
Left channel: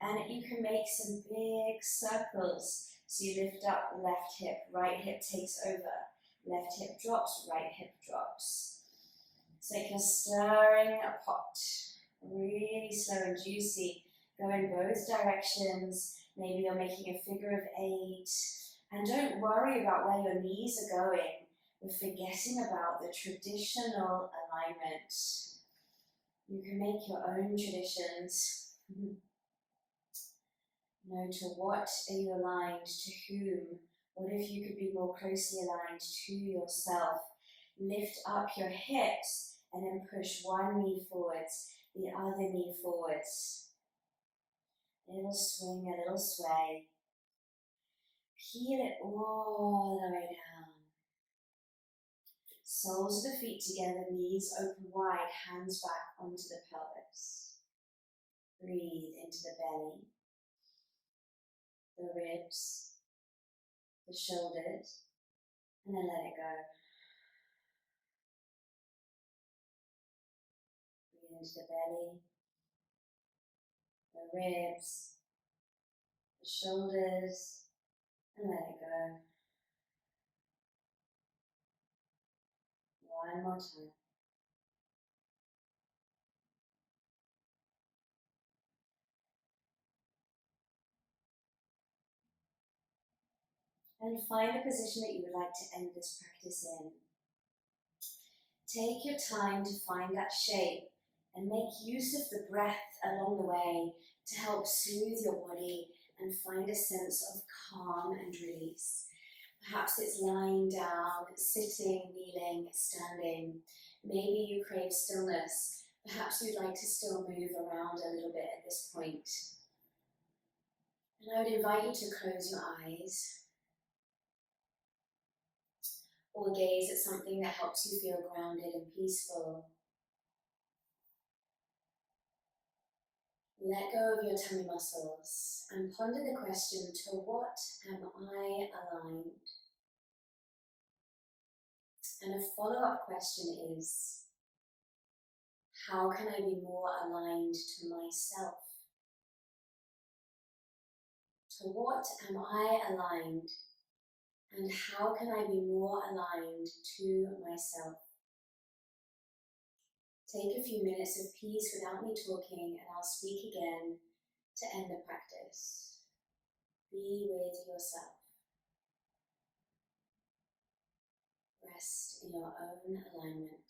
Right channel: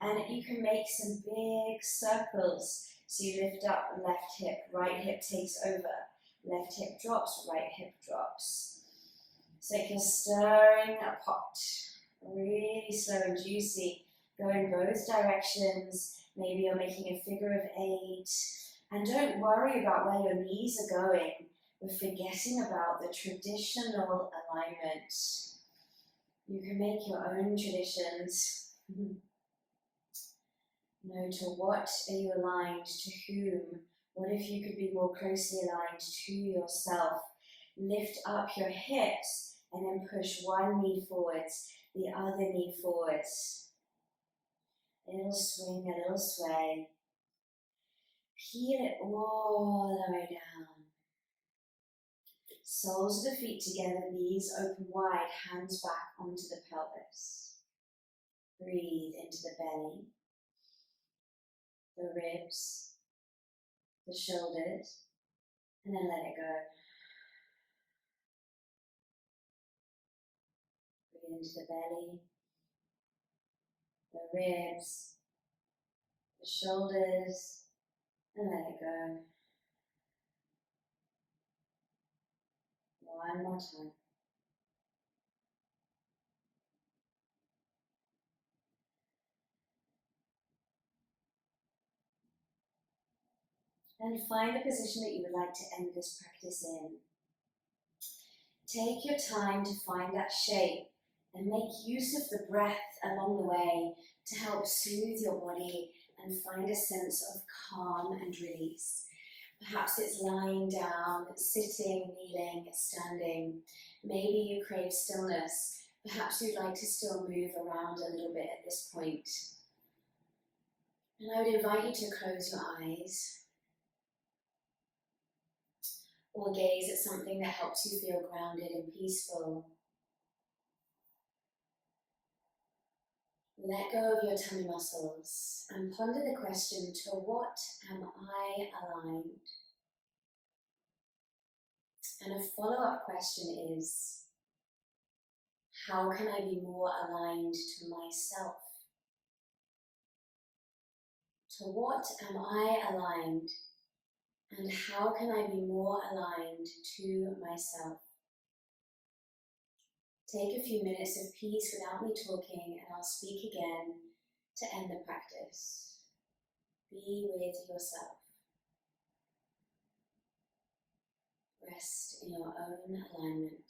And you can make some big circles. So you lift up left hip, right hip takes over. Left hip drops, right hip drops. So you're stirring a pot. Really slow and juicy. Go in both directions. Maybe you're making a figure of 8. And don't worry about where your knees are going. We're forgetting about the traditional alignment. You can make your own traditions. No, to what are you aligned? To whom? What if you could be more closely aligned to yourself? Lift up your hips and then push one knee forwards, the other knee forwards. A little swing, a little sway. Peel it all the way down. Soles of the feet together, knees open wide, hands back onto the pelvis. Breathe into the belly, the ribs, the shoulders, and then let it go. Breathe into the belly, the ribs, the shoulders, and let it go. One more time. And find the position that you would like to end this practice in. Take your time to find that shape and make use of the breath along the way to help soothe your body and find a sense of calm and release. Perhaps it's lying down, sitting, kneeling, standing. Maybe you crave stillness. Perhaps you'd like to still move around a little bit at this point. And I would invite you to close your eyes or gaze at something that helps you feel grounded and peaceful. Let go of your tummy muscles and ponder the question, to what am I aligned? And a follow-up question is, how can I be more aligned to myself? To what am I aligned? And how can I be more aligned to myself? Take a few minutes of peace without me talking, and I'll speak again to end the practice. Be with yourself. Rest in your own alignment.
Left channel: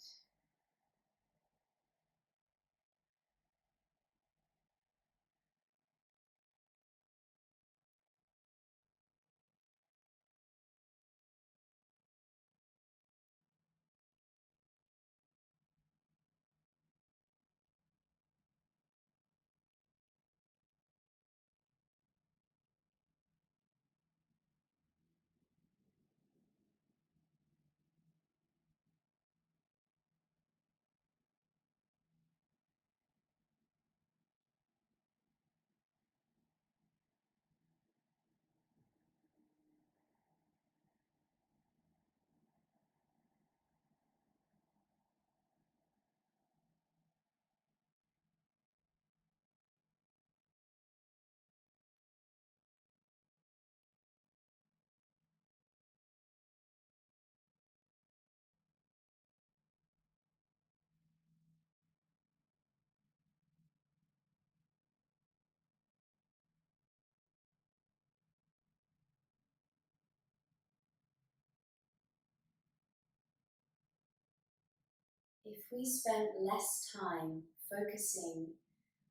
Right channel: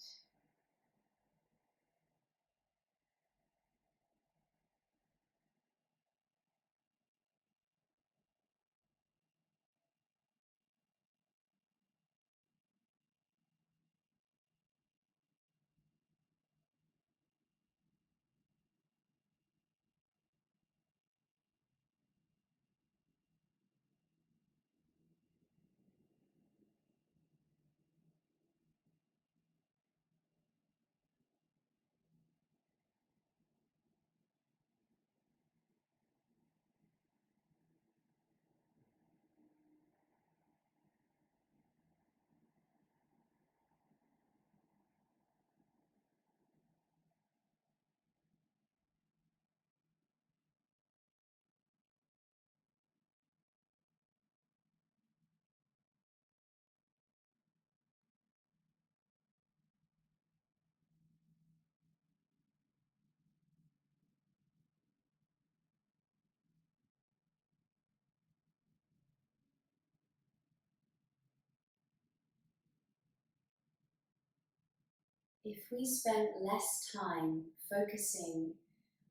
if we spent less time focusing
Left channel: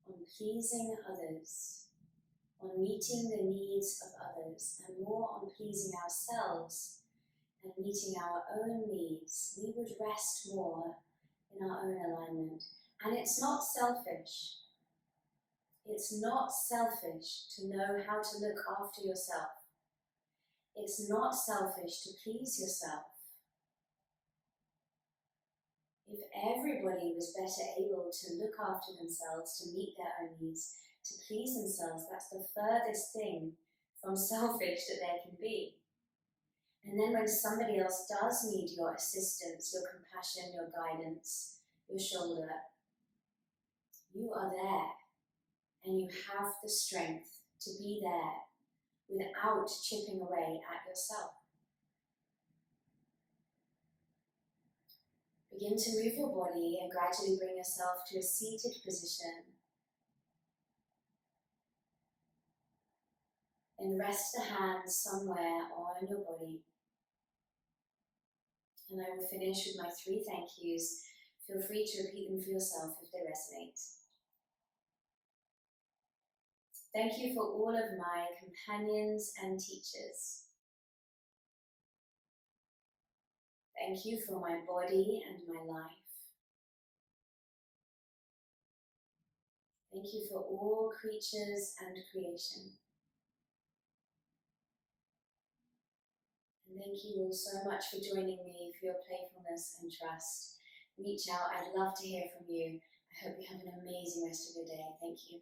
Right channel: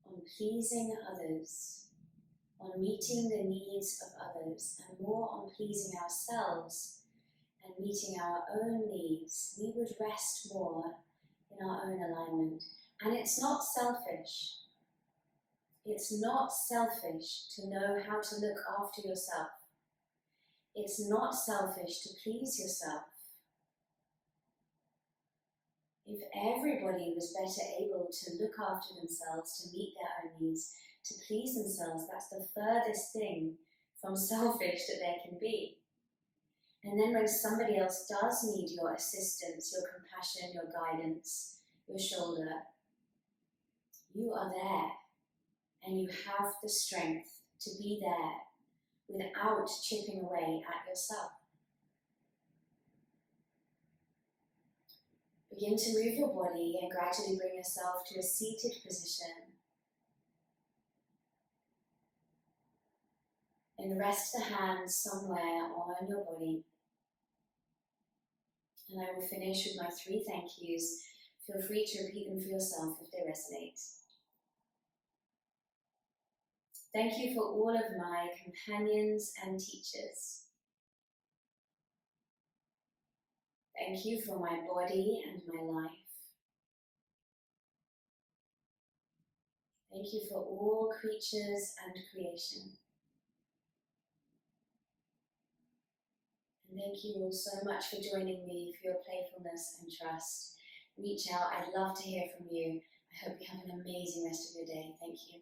on pleasing others, on meeting the needs of others, and more on pleasing ourselves and meeting our own needs, we would rest more in our own alignment. And it's not selfish. It's not selfish to know how to look after yourself. It's not selfish to please yourself. If everybody was better able to look after themselves, to meet their own needs, to please themselves, that's the furthest thing from selfish that there can be. And then when somebody else does need your assistance, your compassion, your guidance, your shoulder, you are there and you have the strength to be there without chipping away at yourself. Begin to move your body and gradually bring yourself to a seated position. And rest the hands somewhere on your body. And I will finish with my 3 thank yous. Feel free to repeat them for yourself if they resonate. Thank you for all of my companions and teachers. Thank you for my body and my life. Thank you for all creatures and creation. And thank you all so much for joining me, for your playfulness and trust. Reach out, I'd love to hear from you. I hope you have an amazing rest of your day. Thank you.